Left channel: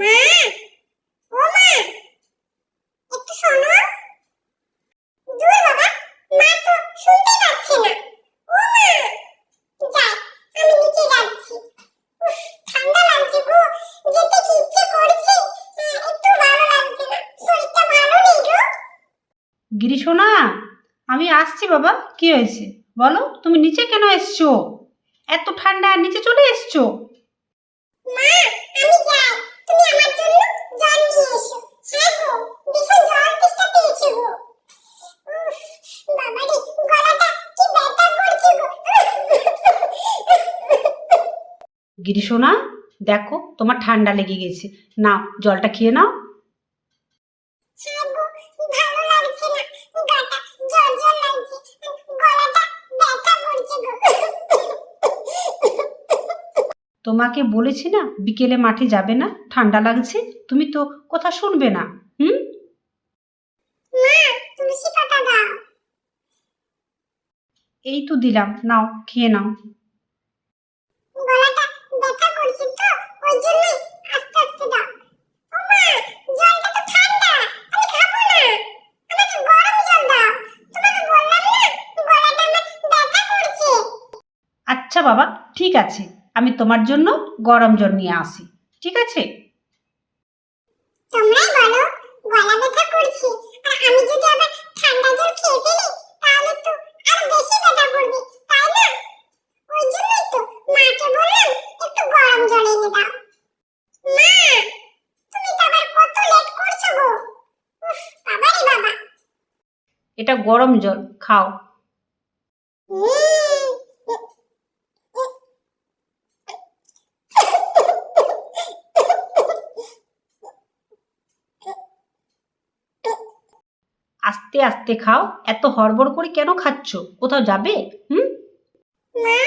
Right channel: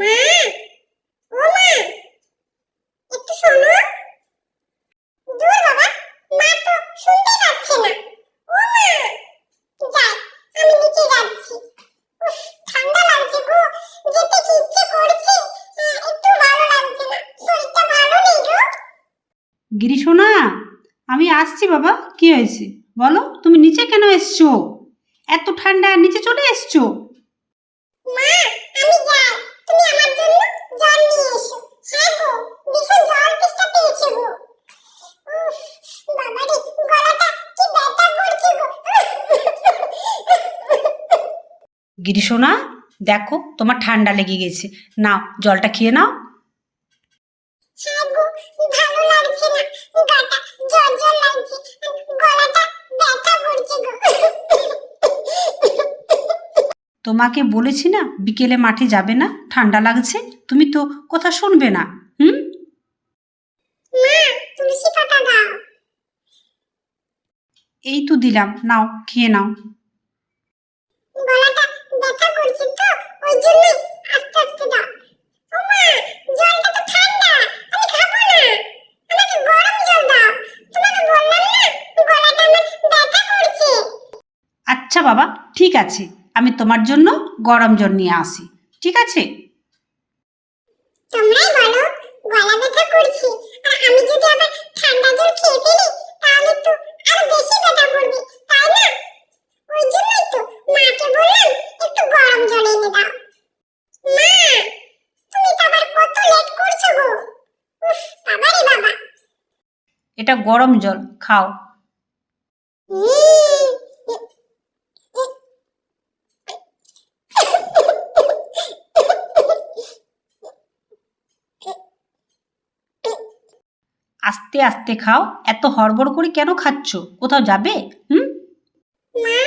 মা, ও মা, একটু শোনো। দূর বাবা, মা তো শুনতে পাচ্ছে না। ও মা, যাই, আমি নিচে যাচ্ছি। উফ, ঠান্ডা লাগছে গো, যেতে কি ইচ্ছে করছে, একটু ভালো লাগছে না, শরীরটা ভালো নেই গো। গিরি সোনা, আমি আসছি বাবা। কি হয়েছে বলো? তুমি নিচে কেন এসছো? এত ঠান্ডা, নিচে চলে এসছো? মা, আমি যাই, তুমি আমার জন্য জল নিয়ে এসো। হ্যাঁ গো, ভীষণ জল তেষ্টা পেয়েছে গো। উফ, বাবা রে, গলাটা কি ব্যথা করছে গো। গিরি সোনা, দেখো তোমার ঠান্ডা লেগে গেছে। নাও, জলটা খেয়ে নাও। হ্যাঁ গো, ভালো লাগছে না, গাটা জ্বর জ্বর লাগছে, গলাটা ব্যথা করছে গো। তোমাকে বলেছি না বিকেলে মাঠে যাবে না, ঠান্ডা লাগছে। তুমি তো কথা শুনবে না। হুম। মা, তুলসী পাতা দাও। এই তো দিলাম, নাও খেয়ে নাও। গলাটা ব্যথা করছে তো, ওই জন্য আস্তে আস্তে দাও। ও মা, জলটা তো ঠান্ডা, আমি খাবো না, আমাকে গরম জল দাও। তোমাকে বললাম না, গলাটা আমার ব্যথা করছে। আচ্ছা বাবা, ঠিক আছে, আমি তোমার জন্য গরম জল নিয়ে আসি। ঠিক আছে। তোমরাই বলো, গলা ব্যথা করছে, আর আমি যদি আবার ঠান্ডা জল খেয়ে ফেলি, তাহলে তো আরো বেশি ব্যথা করবে, তাই না? ওই জন্যই তো মাকে বললাম একটু গরম জল এনে দাও। মা, তুমি তো আবার কত লেট করছো গো। উফ, বাবা রে বাবা। এটা গরম জল, খাও। উম, আস্তে আস্তে খাও। এত হড়বড় করে কেন খাচ্ছ? কোথাও যাবে? হুম। মা,